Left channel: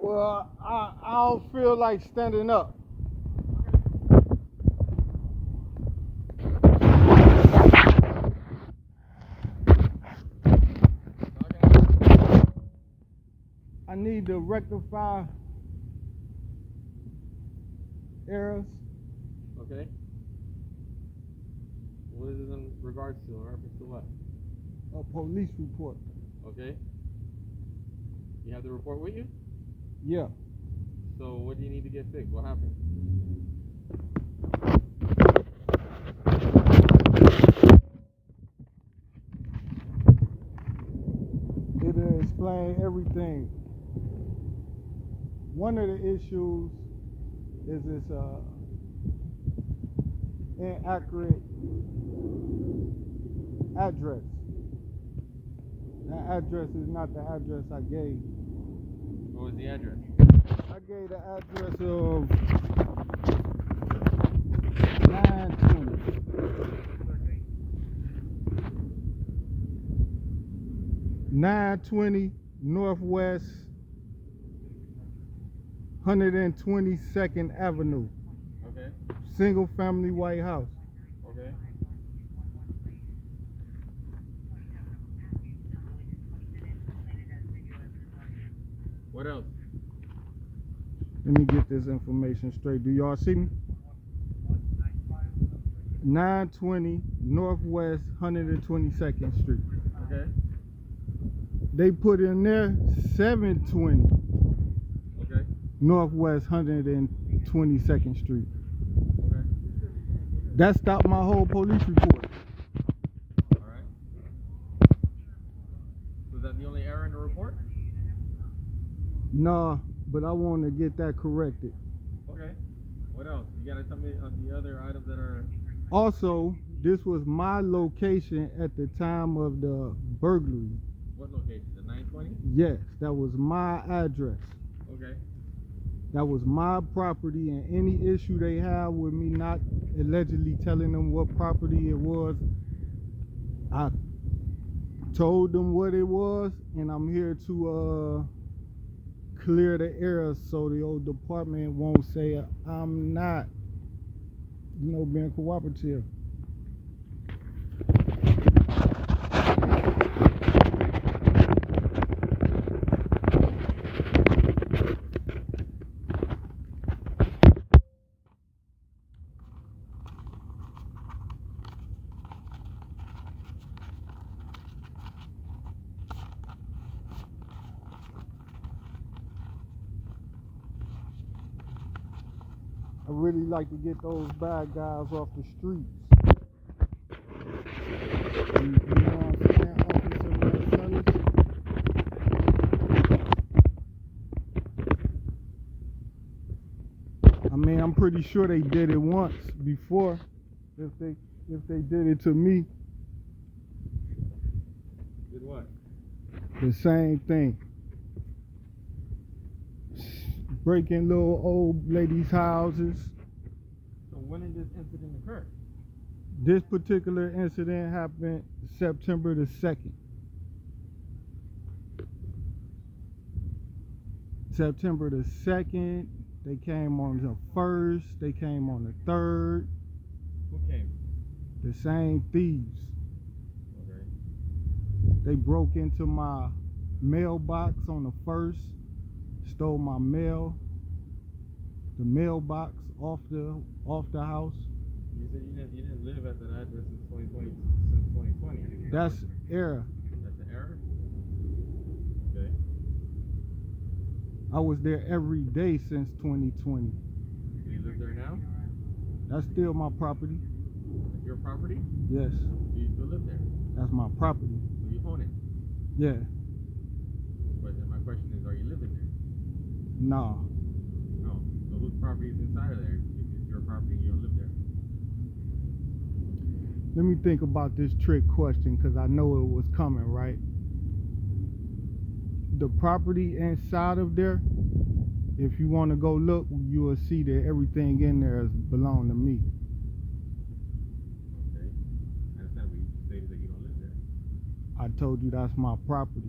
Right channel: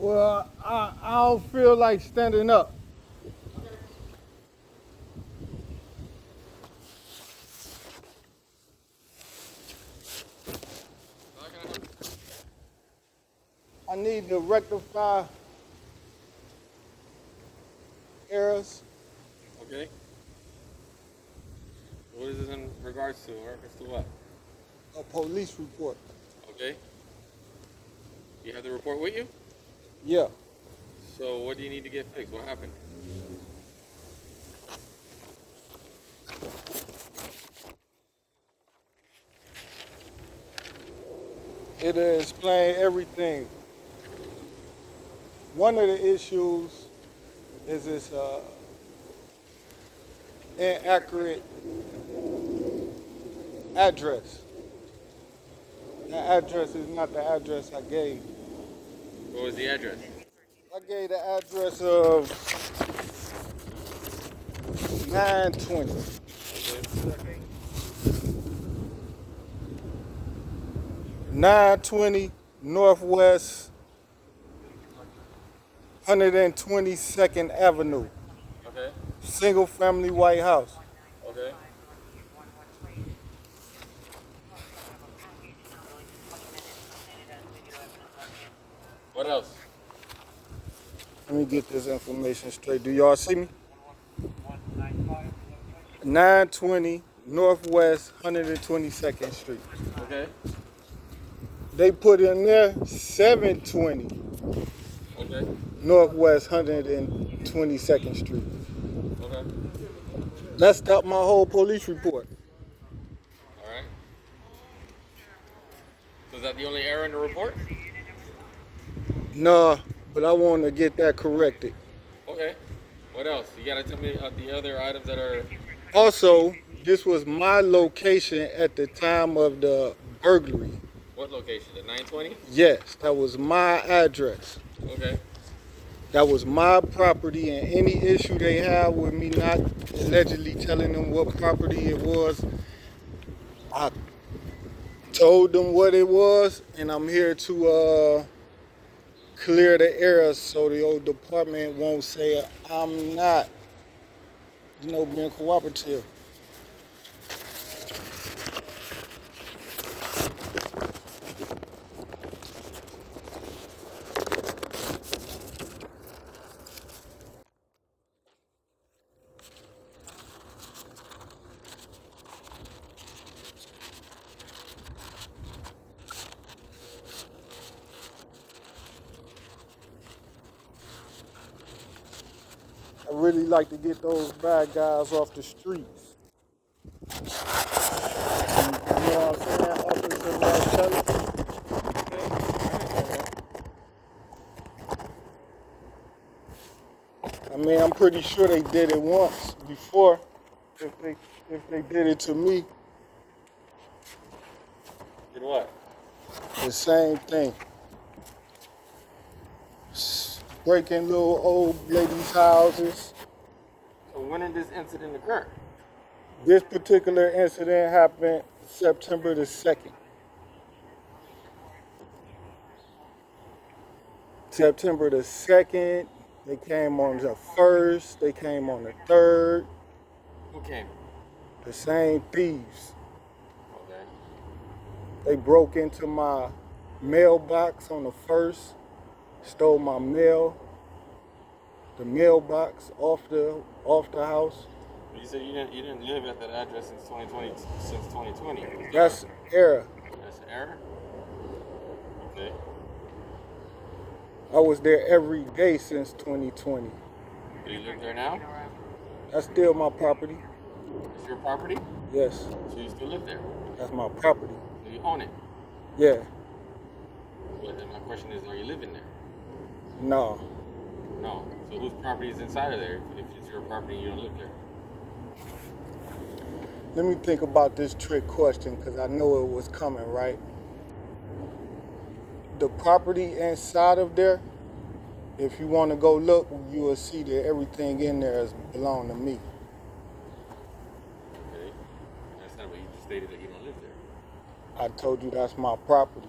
Well, I don't feel like standing up. I need to rectify errors. Okay. What is this in regards to? In reference to what? A police report. Okay. You have the report with you? Yeah. So what do you need to get fixed? What happened? It'll explain everything. One of the issues is this inaccurate address. That address is not the address I gave. What was the address? I gave the address of 920. 920 Northwest 122nd Avenue. Okay. Single family white house. Okay. What else? Let me get this information straight. Do y'all see me? 920 Northwest 122nd Street. Okay. They put in there 720 Okay. Northwest 122nd Street. Okay. That stopped my whole police report. All right. So is that the only error in the report? Nah, but I want to get that corrected. Okay. What else? You gotta tell me the other items that are. Also, this was my location at the time of the burglary. What location? The 920? Yes, that was my address. Okay. That was my property, and any issue they have with me not allegedly telling them what property it was, I told them what it was, and I'm here to clear the errors so the old department won't say I'm not, being cooperative. I really like to get those bad guys off the streets. You know what I'm saying? Officer Martelli. I mean, I'm pretty sure they did it once before. If they did it to me, Did what? the same thing. Breaking little old ladies' houses. So when did this incident occur? This particular incident happened September the 2nd. September the 2nd, they came on the 1st, they came on the 3rd. Who came? The same thieves. Okay. They broke into my mailbox on the 1st, stole my mail, the mailbox off the house. You said you didn't live at that address since 2020. That's error. That's an error? Okay. I was there every day since 2020. Do you live there now? That's still my property. It's your property? Yes, So you still live there? that's my property. Do you own it? Yeah, But then my question is, are you living there? no. No. So whose property is inside of there if it's your property and you don't live there? Let me think about this trick question because I know it was coming, right? The property inside of there, if you want to go look, you will see that everything in there is belong to me. Okay. That's not what you just stated, that you don't live there. I told you that's my property.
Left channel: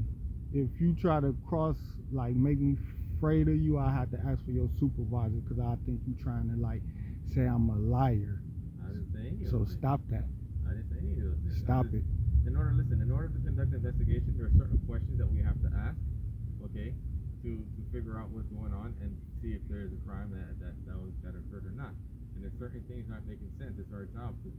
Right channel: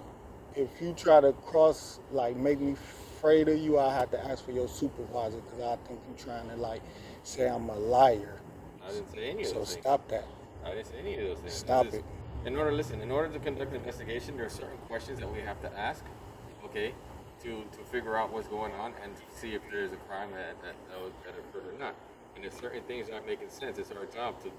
If you try to cross, like make me afraid of you, I have to ask for your supervisor because I think you're trying to like say I'm a liar. I didn't say any of So those things. stop that. I didn't say any of those things. Stop it. In order to conduct an investigation, there are certain questions that we have to ask, okay, to figure out what's going on and see if there's a crime that occurred or not. And if certain things aren't making sense, it's our job to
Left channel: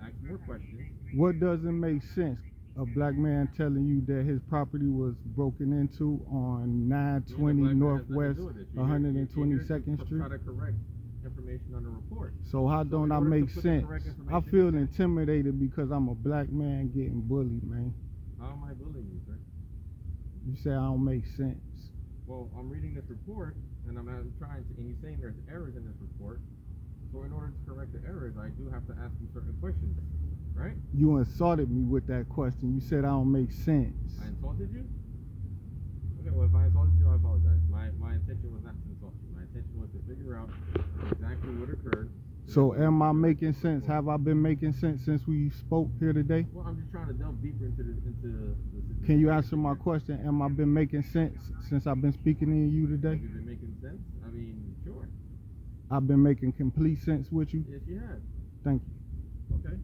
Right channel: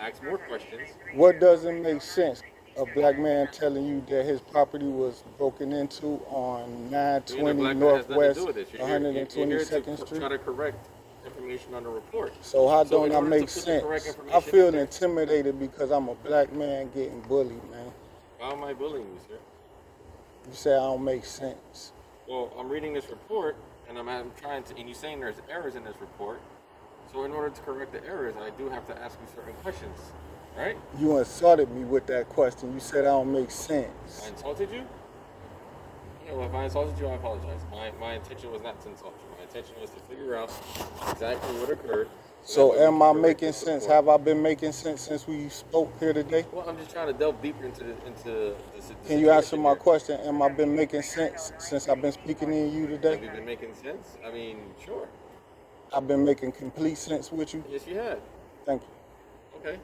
ask more questions. What doesn't make sense? A black man telling you that his property was broken into on 920 Northwest 122nd Street. Try to correct information on the report. So how don't I make sense? I feel in there, intimidated because I'm a black man getting bullied, man. how am I bullying you, sir? You say I don't make sense. Well, I'm reading this report, and I'm trying to, and you're saying there's errors in this report. So in order to correct the errors, I do have to ask you certain questions, right? You insulted me with that question. You said I don't make sense. I insulted you? Okay, well, if I insulted you, I apologize. My intention was not to insult you. My intention was to figure out exactly what occurred. So am I making sense? Have I been making sense since we spoke here today? Well, I'm just trying to delve deeper into the Can you answer my here. question? Am I been making sense since I've been speaking to you today? Have you been making sense? I mean, sure. I've been making complete sense with you? Yes, you had. Thank you. Okay.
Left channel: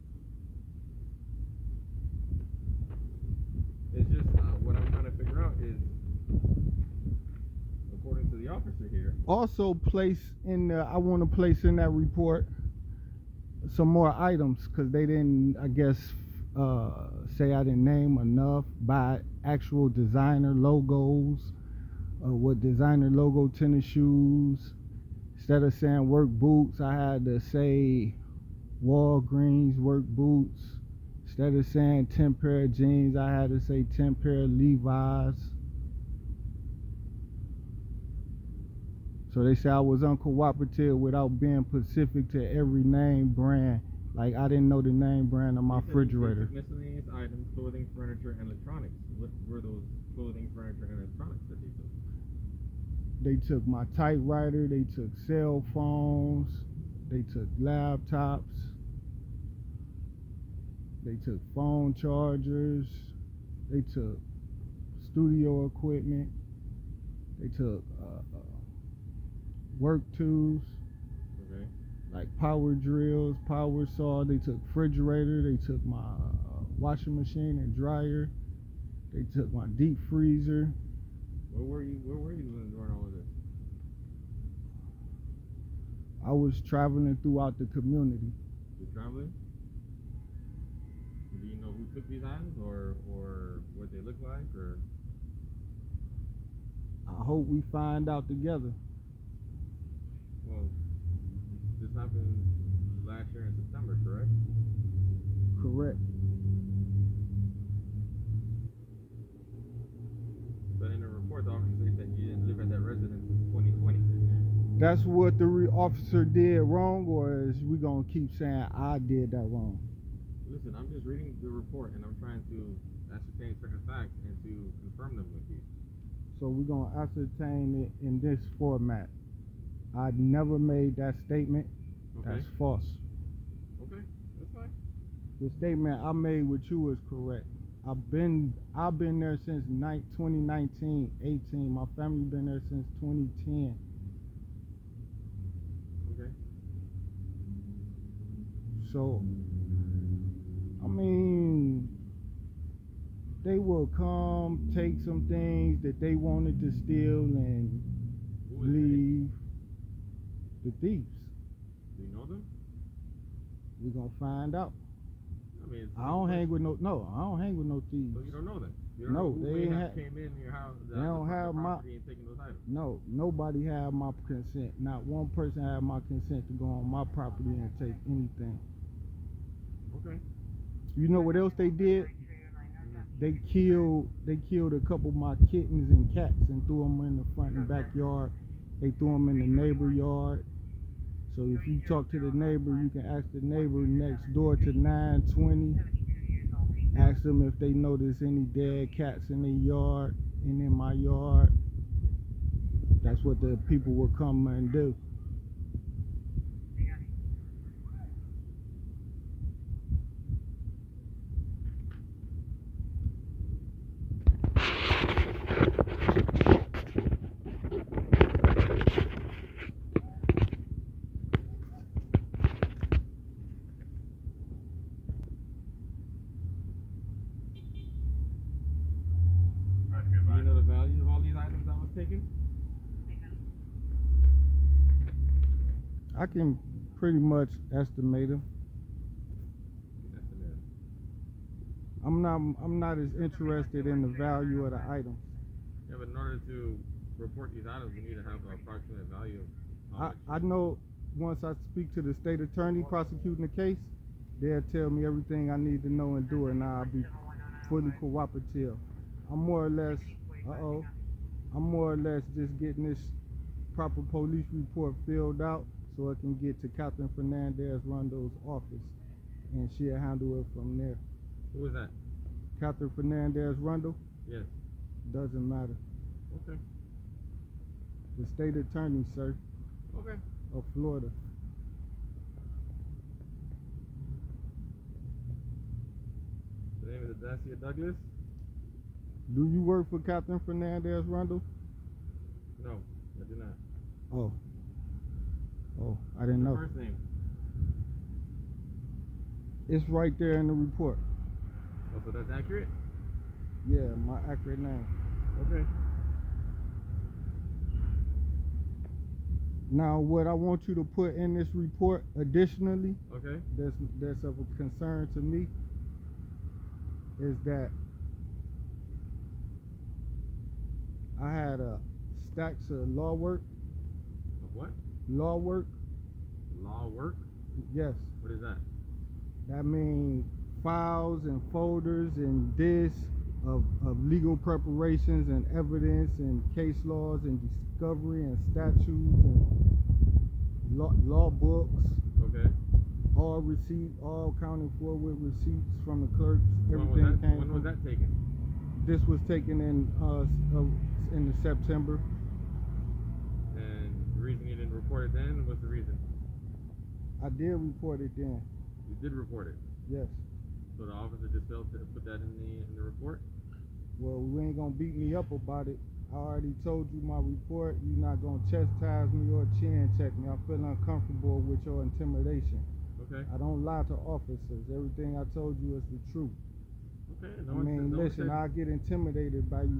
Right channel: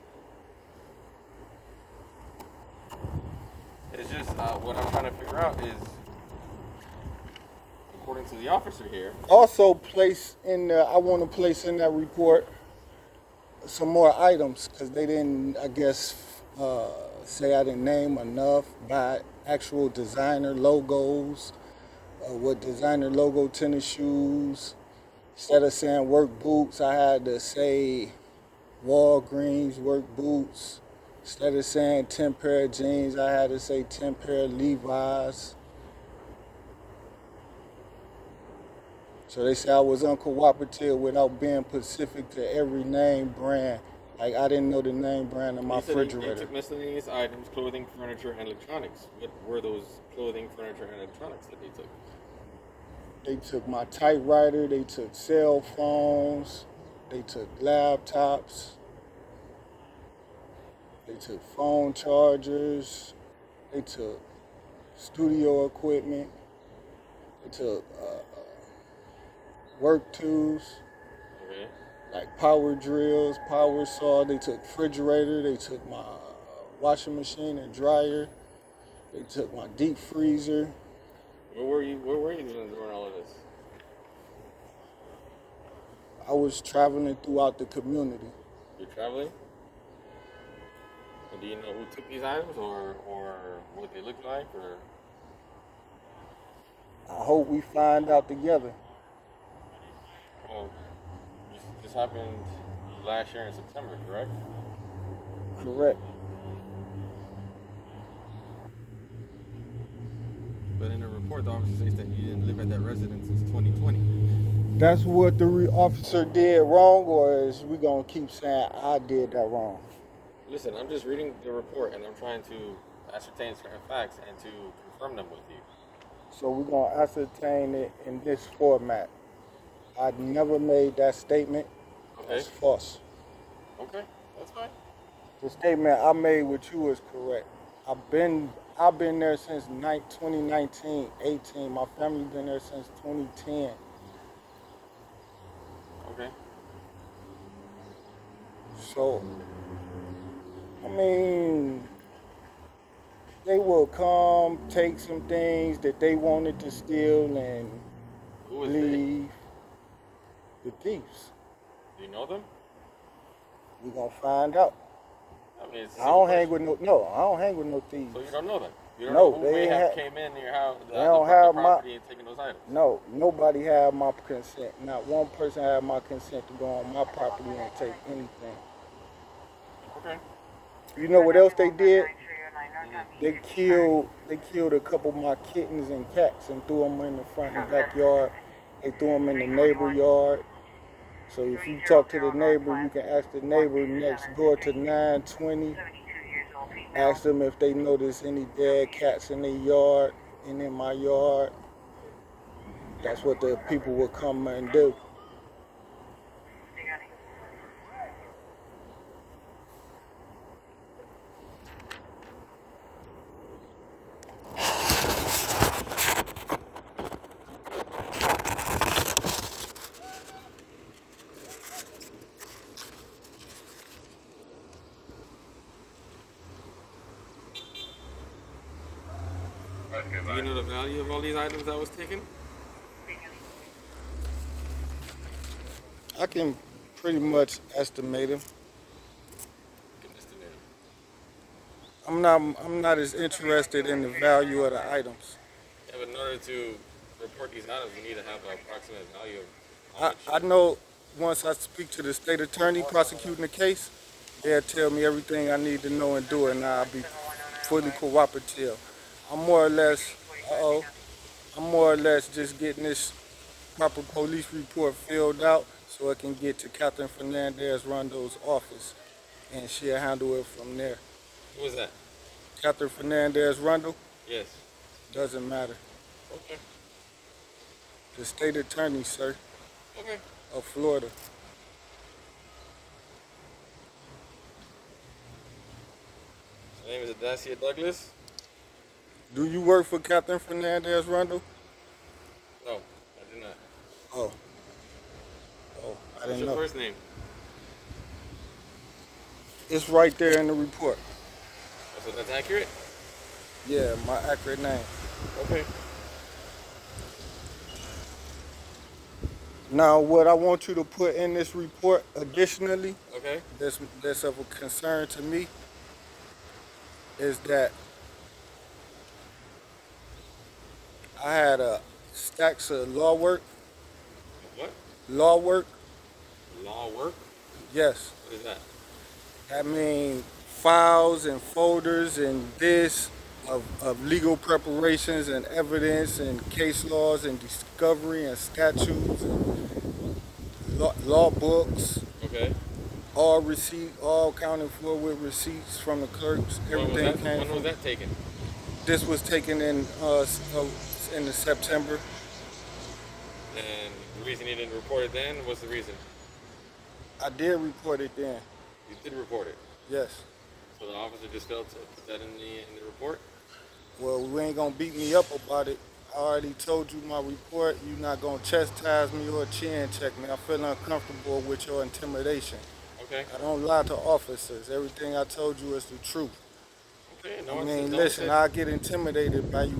It's just what I'm trying to figure out is, according to the officer here. Also, I want to place in that report some more items because they didn't, I guess, say I didn't name enough by actual designer logos, what designer logo tennis shoes. Instead of saying work boots, I had to say Walgreens work boots. Instead of saying 10 pair of jeans, I had to say 10 pair of Levi's. So they say I was uncooperative without being specific to every name brand. Like I didn't know the name brand of my refrigerator. They took miscellaneous items, clothing, furniture, and electronics. What were those clothing, furniture, and electronics that they took? They took my typewriter, they took cell phones, they took laptops, they took phone chargers, they took studio equipment, they took work tools, Okay. like power drills, power saw, they took refrigerator, they took my washing machine and dryer, they took my deep freezer. Where were you during all of this? I was traveling throughout the community. You're traveling? And do you know who took these items or what they look like or? I hope we find out together. Well, this happened last year in September, correct? Correct. But in the report, the officer states that you didn't live at that residence since 2020. That's what the officer did wrong, or is we gonna keep saying I did that wrong? Listen, I'm just reading the report and I'm trying to ascertain certain facts and to confirm them with you. So we're gonna ascertain it in this format. I never made that statement. Okay. That's false. Okay, that's fine. The statement I made with you is correct. I've been there since 2019, 18. My family been there since 2010. Okay. So, I mean, they will come, take some things that they wanted to steal and Who was leave. The thieves. they? Do you know them? We're gonna find out. I mean, it's a I don't simple hang question. with I don't hang with no thieves. So you don't know them? You don't No, know who they may ain't have ha- came in your house, they don't have my- property and taken those items? No, nobody had my consent. Not one person had my consent to go on my property and take anything. Okay. You know what else they did? They killed a couple of my kittens and cats and threw them in the front and backyard. They threw them in the neighbor yard. So if you talk to the neighbor, you can ask the neighbor next door to 920. Ask them if they notice any dead cats in their yard and in my yard. That's what the people will come and do. of all these items that was taken? I can pretty much estimate them. Can estimate them. I'm not as interested in the value of the items. Yeah, but in order to report these items, we need to have an approximate value of how I, much. I know once I speak to the state attorney prosecuting the case, they'll tell me everything I need to know and do it, and I'll be fully cooperative. I'm more or less, I'm more or less just getting this proper police report filled out so it can get to Catherine Fernandez Rondo's office, and she'll handle it from there. Who was that? Catherine Fernandez Rondo, Yes. doesn't matter. Okay. The state attorney, sir, Okay. of Florida. His name is Adacia Douglas? Do you work for Catherine Fernandez Rondo? No, I do not. Oh. Oh, I What's didn't your know. first name? It's right there in the report. Oh, so that's accurate? Yeah, my accurate name. Okay. Now, what I want you to put in this report additionally, Okay. that's of a concern to me, is that I had stacks of law work. What? Law work, Law work? yes. What is that? That means files and folders and this of legal preparations and evidence and case laws and discovery and statutes and law books, Okay. all accounted for with receipts from the clerks. Everything came When from. was that taken? This was taken in the September. And the reason you didn't report it then? What's the reason? I did report it then. You did report it. Yes. So the officer just failed to put that in the report? Well, we ain't gonna beat me up about it. I already told you my report. You're not gonna chastise me or chin check me. I feel uncomfortable with your intimidation. Okay. I don't lie to officers. Everything I told you is the truth. Okay. I mean, listen, I get intimidated by you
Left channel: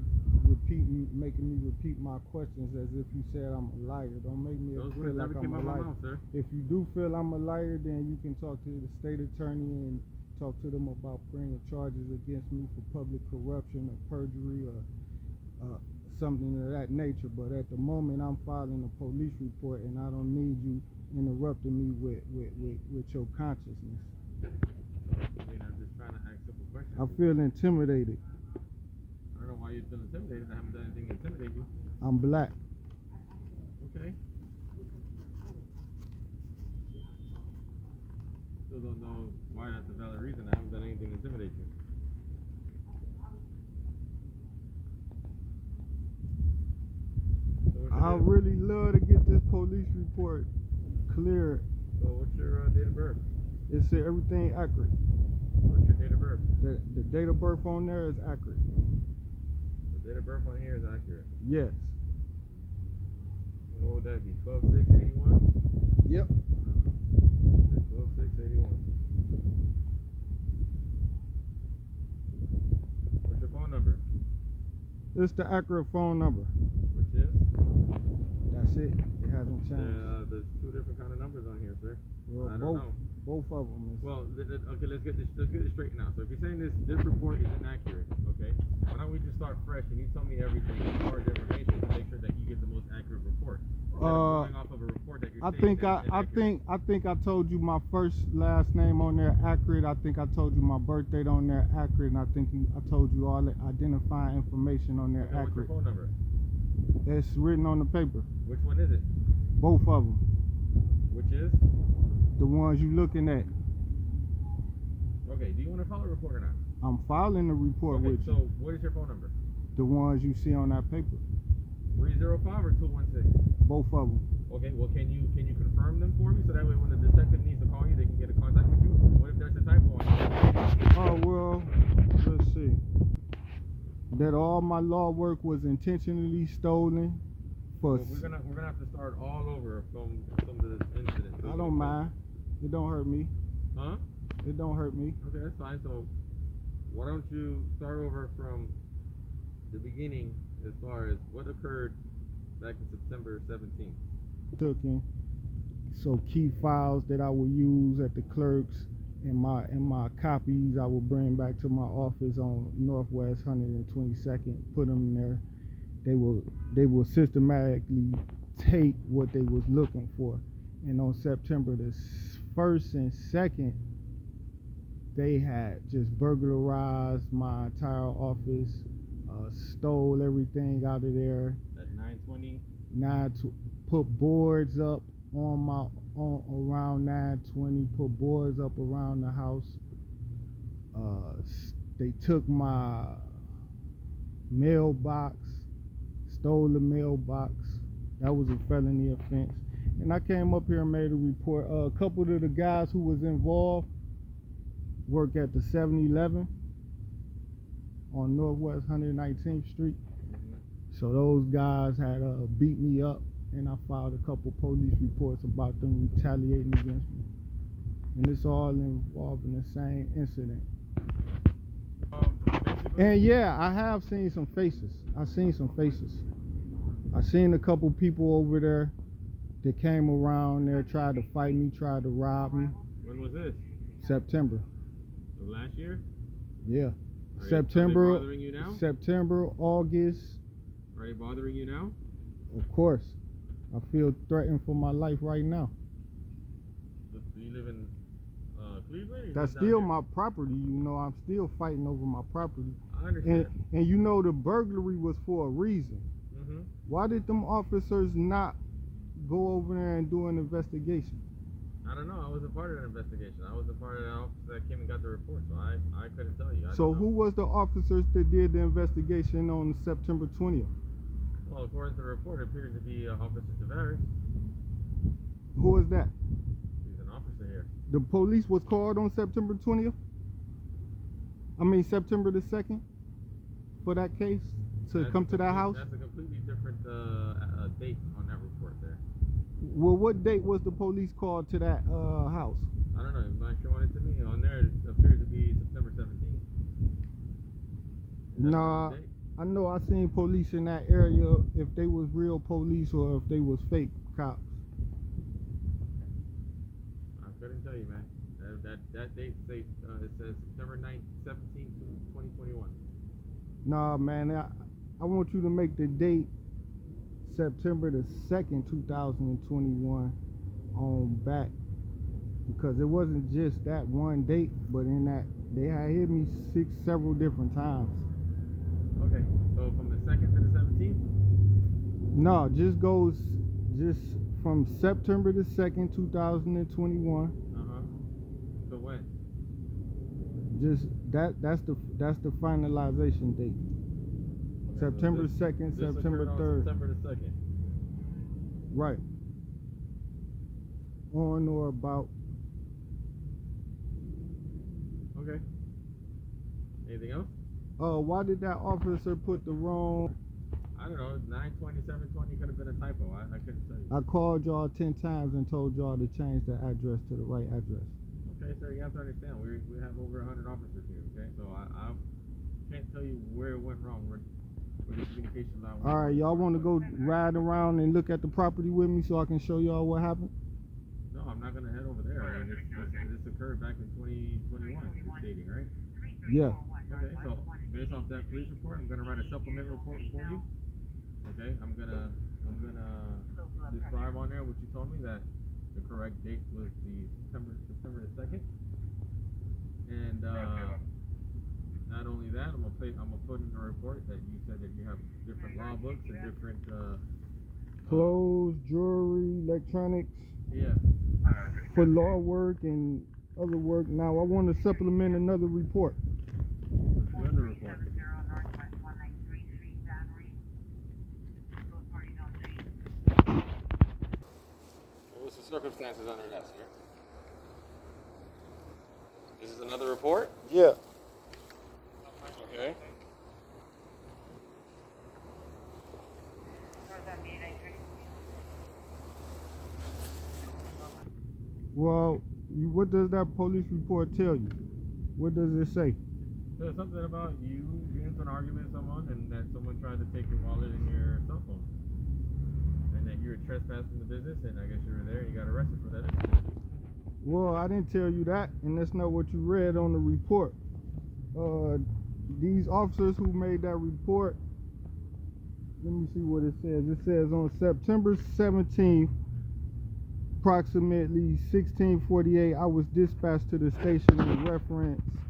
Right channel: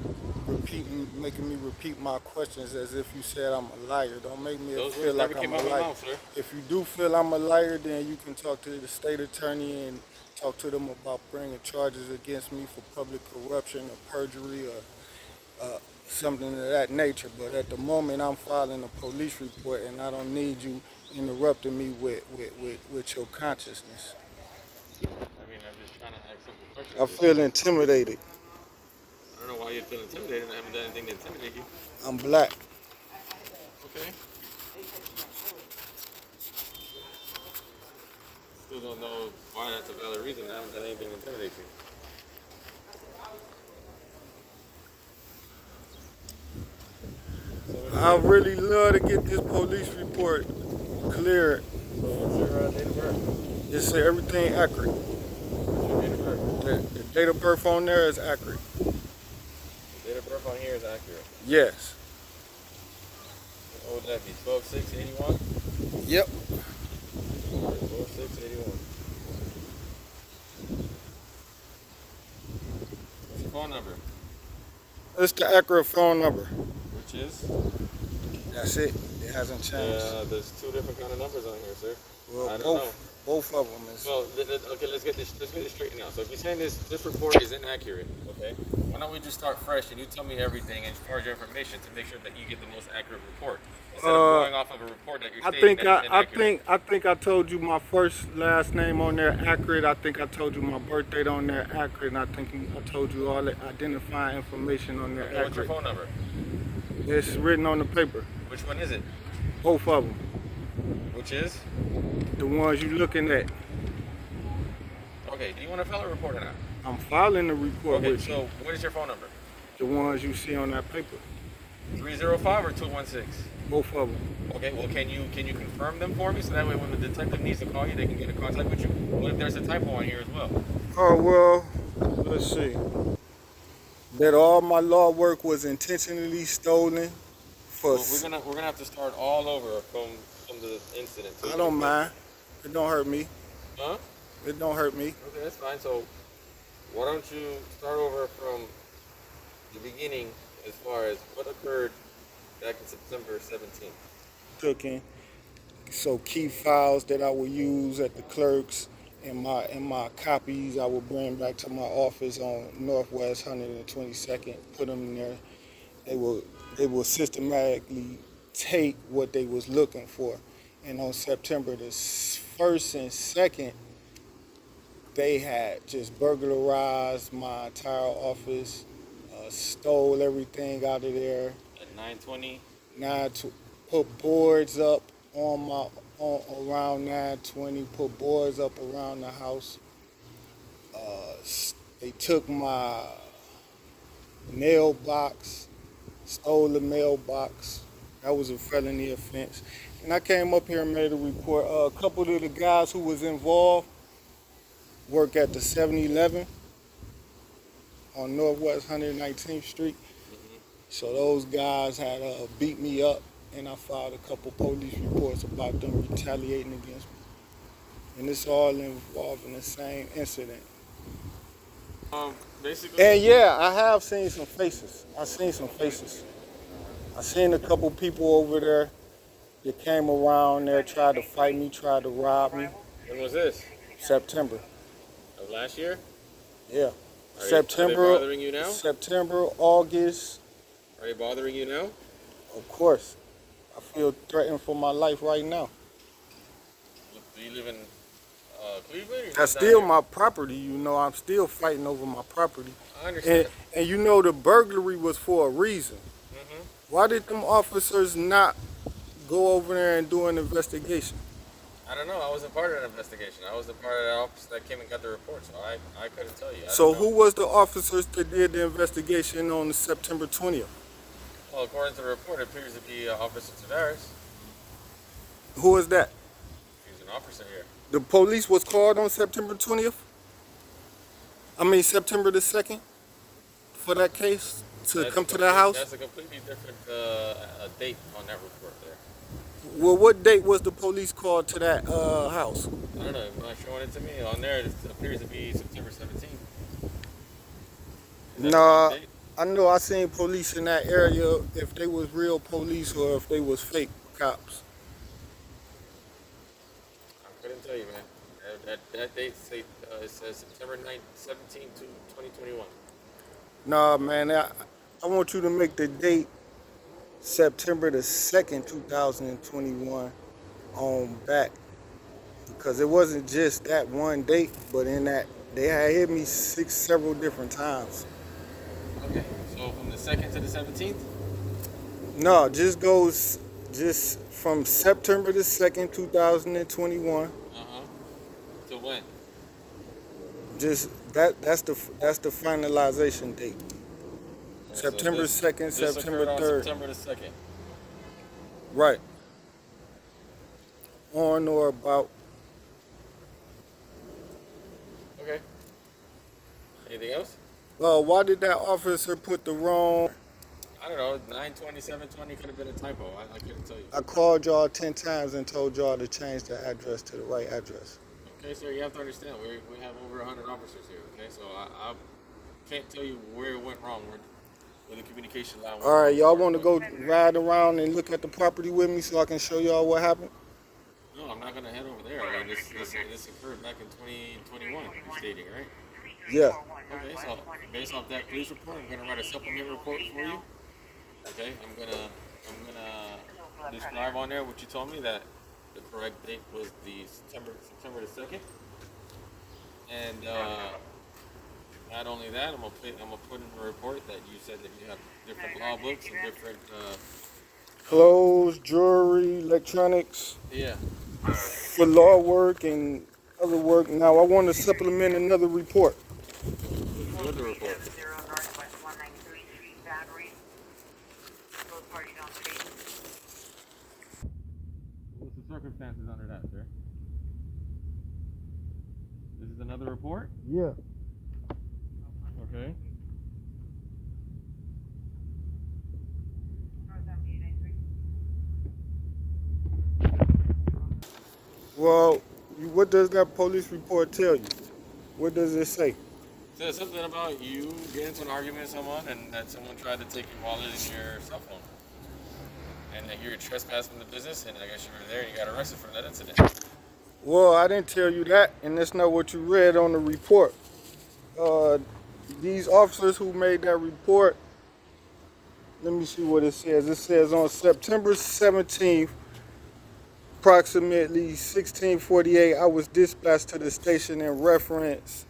making me repeat my questions as if you said I'm a liar. Don't make me Those feel words like never I'm came a out of my liar. mouth, sir. If you do feel I'm a liar, then you can talk to the state attorney and talk to them about bringing charges against me for public corruption or perjury or something of that nature. But at the moment, I'm filing a police report, and I don't need you interrupting me with your consciousness. I mean, I'm just trying to ask simple questions. I feel intimidated. I don't know why you feel intimidated. I haven't done anything to intimidate you. I'm black. Okay. Still don't know why that's a valid reason. I haven't done anything to intimidate you. I really love to get this police report cleared. So what's your date of birth? Just say everything accurate. What's your date of birth? The date of birth on there is accurate. The date of birth on here is accurate. Yes. What would that be? 12/6/81? Yep. 12/6/81. What's your phone number? It's the accurate phone number. Which is? That's it. It hasn't changed. There's two different kind of numbers on here, sir. Well, I don't know. both of them is. Well, okay, let's get this straight now. So if you're saying this report is inaccurate, okay, why don't we just start fresh and you tell me everything as far as your information to make sure that you get the most accurate report instead of going off of a report that you're stating that is inaccurate. I think I told you my first last name on there accurate. I think I told you my birth date on there accurate, and I think I told you all the identifying information on there Okay, what's your accurate. phone number? It's written on the paper. Which one is it? Both of them. Which is? The ones you looking at. Okay, do you want to file a report or not? I'm filing the report Okay, with you. so what is your phone number? The ones you see on that paper. 305 or 216? Both of them. Okay, well, can you confirm them for me so that way when the detective needs to call you, they can get in contact with you? What if there's a typo on here as well? Oh, well, let's see. That all my law work was intentionally stolen for. Well, we're gonna have to start all over from the incident. I don't mind. It don't hurt me. Huh? It don't hurt me. Okay, that's fine. So why don't you start over from the beginning as far as what occurred back in September 17th. Took in. So key files that I would use at the clerks and my copies I would bring back to my office on Northwest 122nd, put them in there. They will systematically take what they was looking for. And on September the 1st and 2nd, they had just burglarized my entire office, stole everything out of there. At 9:20. Put boards up around 9:20. Put boards up around the house. They took my mailbox, stole the mailbox. That was a felony offense. And I came up here and made a report. A couple of the guys who was involved work at the 7-Eleven on Northwest 119th Street. So those guys had beat me up, and I filed a couple police reports about them retaliating against me. And it's all involved in the same incident. Basically. And yeah, I have seen some faces. I seen a couple people over there that came around there, tried to fight me, tried to rob me. When was this? September. Of last year? Yeah. Are September. they bothering you now? September, August. Are they bothering you now? Of course. I feel threatened for my life right now. Do you live in Cleveland? Or That's down still here? my property, you know. I'm still fighting over my property. I understand. And you know the burglary was for a reason. Mm-hmm. Why did them officers not go over there and do an investigation? I don't know. I wasn't part of that investigation. I was a part of that office that came and got the report, so I couldn't tell you. So who was the officers that did the investigation on September 20th? Well, according to the report, it appears to be Officer Tavares. Who is that? He's an officer here. The police was called on September 20th? I mean September the 2nd for that case to come to that house? That's a completely different date on that report there. Well, what date was the police called to that house? I don't know. You're not showing it to me. On there, it appears to be September 17th. Nah, I know I seen police in that area, if they was real police or if they was fake cops. I couldn't tell you, man. That date it says September 17th to 2021. Nah, man, I want you to make the date September the 2nd, 2021 on back. Because it wasn't just that one date, but in that, they had hit me several different times. Okay, so from the 2nd to the 17th? No, just from September the 2nd, 2021. To when? Just that's the finalization date. Okay, September so 2nd, this September occurred on 3rd. September the 2nd. Right. On or about. Okay. Anything else? Why did that officer put the wrong? I don't know. 920, 720 could have been a typo. I couldn't tell you. I called y'all 10 times and told y'all to change the address to the right address. Okay, sir, you have to understand, we have over 100 officers here, okay? So I can't tell you where it went wrong, where the communication line went All right, wrong. y'all want to go ride around and look at the property with me so I can show y'all what happened? No, I'm not going to head over there. I mean, this occurred back in 2021, you're stating, right? Yeah. Okay, so based off that police report, I'm going to write a supplement report for you. Okay, I'm gonna describe on there what you told me, that the correct date was the September the 2nd. And not only that, I'm gonna put in the report that you said that you have different law books and different Clothes, jewelry, electronics, yeah. for law work and other work. Now I want to supplement another report. What's the report? What's the circumstances under that, sir? This is another report? Yeah. Okay. Well, what does that police report tell you? What does it say? Says something about you getting into an argument with someone and that someone tried to take your wallet and your cell phone. And that you're trespassing the business, and I guess you were there and you got arrested for that incident. Well, I didn't tell you that, and that's not what you read on the report. These officers who made that report, let me see what it says. It says on September 17th, approximately 16:48, I was dispatched to the station in reference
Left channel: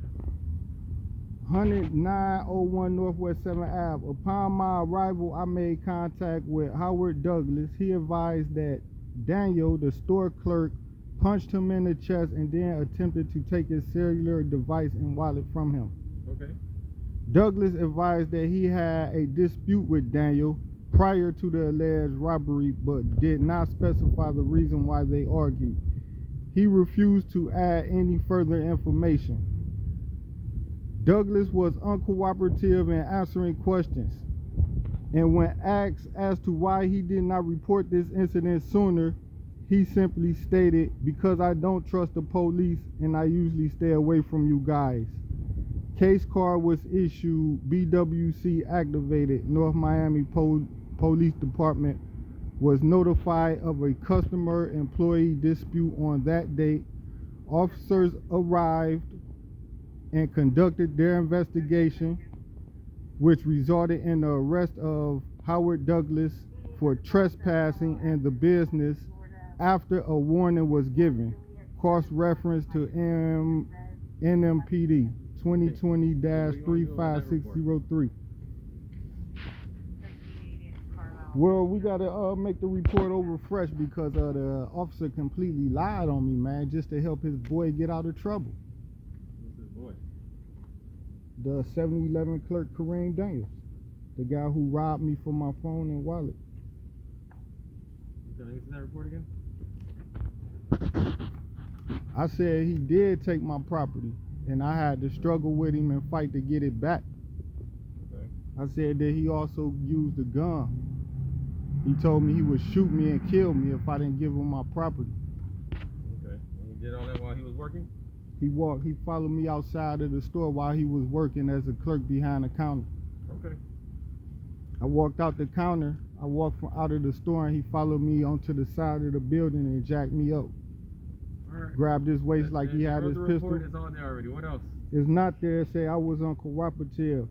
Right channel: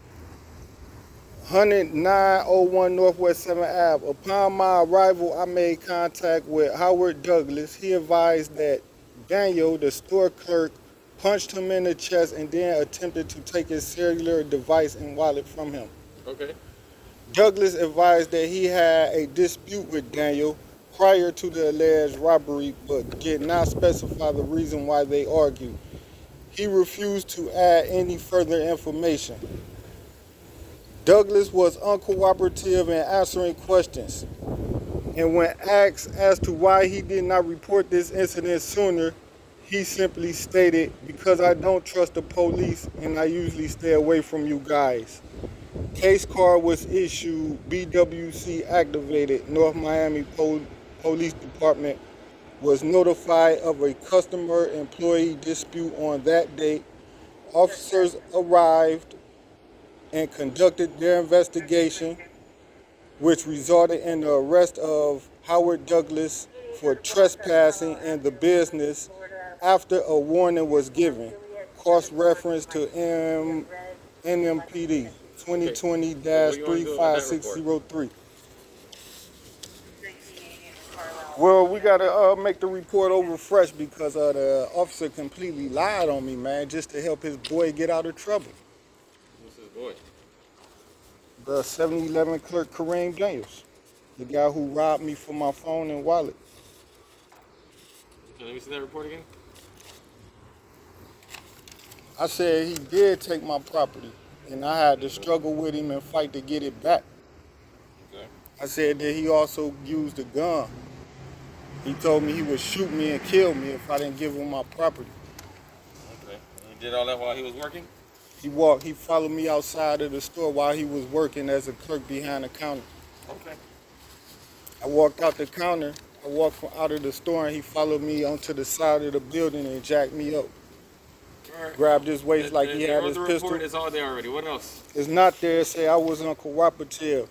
10901 Northwest 7th Ave. Upon my arrival, I made contact with Howard Douglas. He advised that Daniel, the store clerk, punched him in the chest and then attempted to take his cellular device and wallet from him. Okay. Douglas advised that he had a dispute with Daniel prior to the alleged robbery, but did not specify the reason why they argued. He refused to add any further information. Douglas was uncooperative in answering questions, and when asked as to why he did not report this incident sooner, he simply stated, "Because I don't trust the police and I usually stay away from you guys." Case card was issued, BWC activated, Northmiami Police Department was notified of a customer-employee dispute on that date. Officers arrived and conducted their investigation, which resulted in the arrest of Howard Douglas for trespassing in the business after a warning was given. Cross-reference to NMPD 2020-35603. Well, we gotta make the report over fresh because the officer completely lied on me, man, just to help his boy get out of trouble. Who's his boy? The 7-Eleven clerk Kareem Daniels, the guy who robbed me for my phone and wallet. Okay, let me see that report again. I said he did take my property, and I had to struggle with him and fight to get it back. Okay. I said that he also used a gun. He told me he would shoot me and kill me if I didn't give him my property. Okay. And he did all that while he was working? He followed me outside of the store while he was working as a clerk behind the counter. Okay. I walked out the counter, I walked out of the store, and he followed me onto the side of the building and jacked me up. All right. Grabbed his waist like he had his The pistol. report is all there already. What else? It's not there. Say I was uncooperative.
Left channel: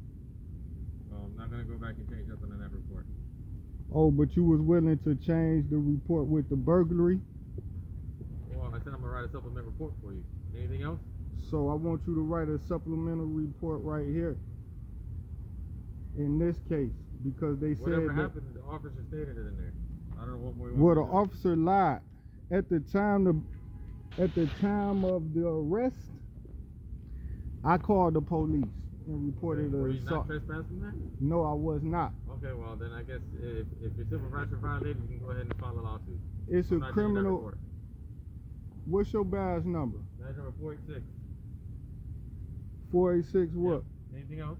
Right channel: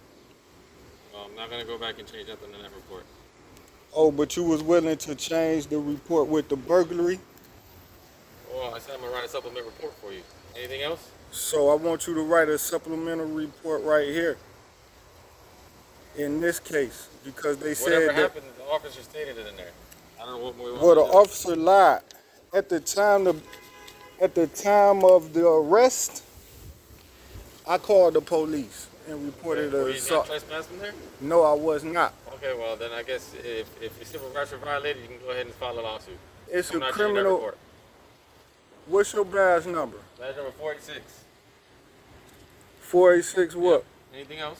Well, I'm not going to go back and change nothing in that report. Oh, but you was willing to change the report with the burglary? Well, I said I'm going to write a supplement report for you. Anything else? So I want you to write a supplemental report right here. In this case, because they said Whatever that, happened, the officer stated it in there. I don't know what more you want well, the to do. officer lied. At the time of the arrest, I called the police and reported Were an you not assault. trespassing there? No, I was not. Okay, well then I guess if your supervisor violated, you can go ahead and file a lawsuit. It's I'm a not changing that criminal. report. What's your badge number? Badge number 486. 486 what? Yep. Anything else?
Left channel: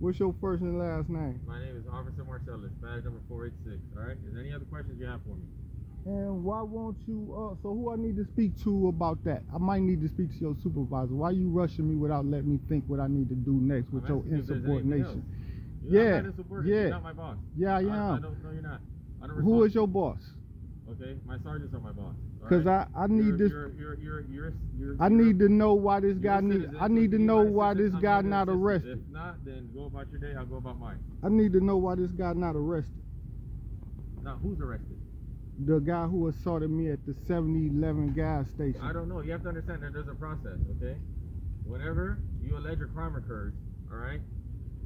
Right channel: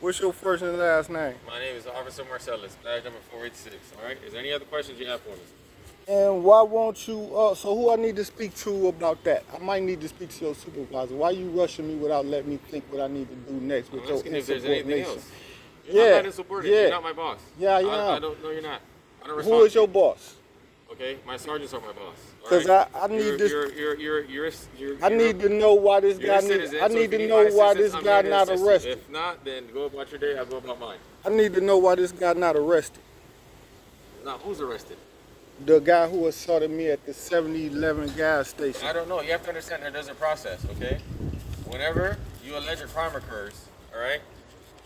What's your first and last name? My name is Officer Marcellus. Badge number 486. All right. Is there any other questions you have for me? And why won't you, so who I need to speak to about that? I might need to speak to your supervisor. Why you rushing me without letting me think what I need to do next with I'm your asking if there's anything insubordination? else. You're Yeah, not insubordinate. yeah. You're not my boss. Yeah, I am. I don't know you're not. I don't Who respond is to your you. boss? Okay, my sergeants are my boss. all 'Cause right? I need this- You're I need to know why this you're guy a need, citizen, I so need if to you know my why assistance, this I'm guy here to not assist you. arrested. If not, then go about your day. I'll go about mine. I need to know why this guy not arrested. Now, who's arrested? The guy who assaulted me at the 7-Eleven gas station. I don't know. You have to understand that there's a process, okay? Whenever you allege a crime occurs, all right,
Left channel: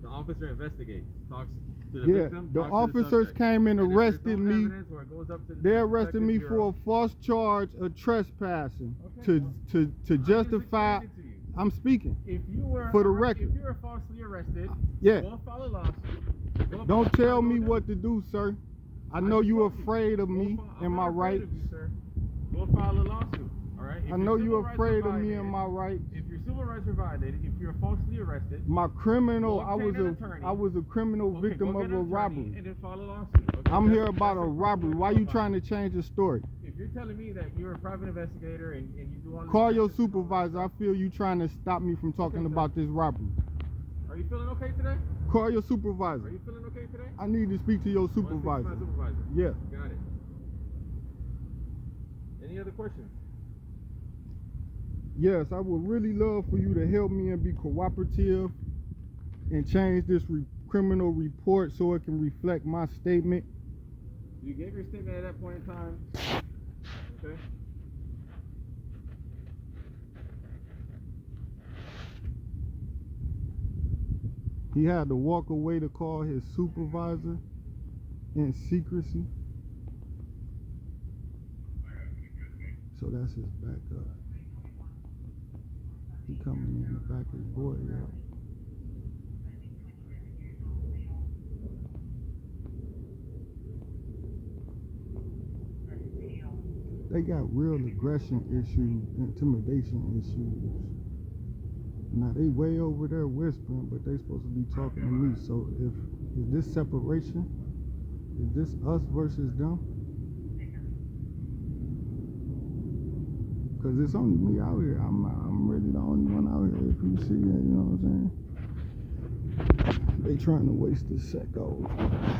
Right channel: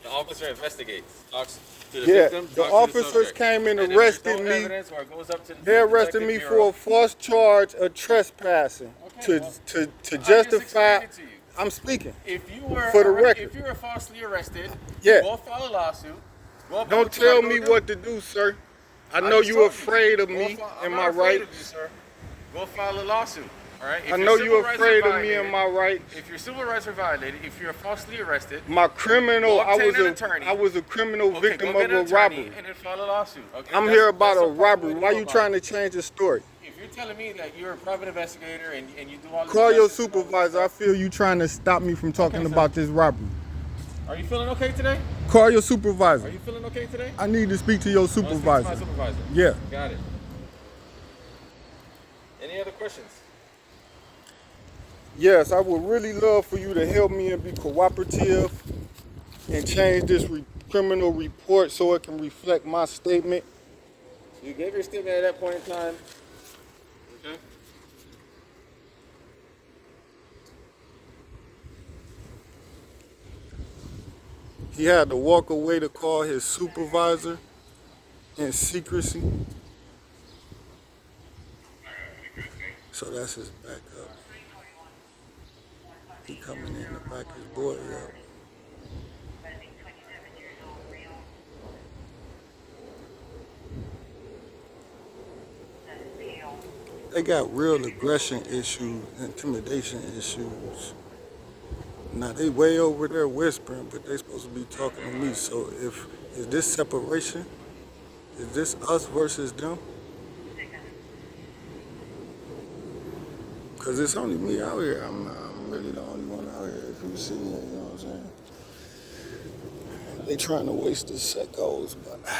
the officer investigates, talks to the Yeah, victim, the talks to officers subject. came and if there's arrested no me. evidence or it goes up to the They arrested detective me bureau, for a false charge of trespassing Okay, well, to I just justify. explained it to you. I'm speaking. If you were For the record. if you were falsely arrested, Yeah. go file a lawsuit. Go about Don't what you tell gotta me go do. what to do, sir. I know just you told afraid of Go me I'm and not my afraid rights. of you, sir. Go file a lawsuit. All right. If I your know civil you rights are afraid of me violated- and my rights. If your civil rights are violated, if you're falsely arrested, My criminal, Go I obtain was an a attorney. criminal okay, victim go of get an a attorney robbery. and then file a lawsuit. Okay? I'm That's- here about that's a the proper robbery. way to Why go you about trying it. to change the story? If you're telling me that you're a private investigator and you do all this Call your justice and all this supervisor. I stuff, feel you trying to stop me from talking Okay, sir. about this robbery. Are you feeling okay today? Call your Are supervisor. you feeling okay today? I need to speak to your Want to speak to supervisor. my supervisor? Yeah. Got it. Any other questions? Yes, I would really love for you to help me and be cooperative and change this criminal report so it can reflect my statement. You gave your statement at that point in time. Okay. He had to walk away to call his supervisor in secrecy. So that's his backup. He coming in to back his boy up. They got real aggression issues, intimidation issues. Now they way over there whispering, but they supposed to be talking to me. So is this separation? Is this us versus them? Cause it's only me out here. I'm really the only one out here. If you see it, you know what I'm saying? They trying to waste the secos, but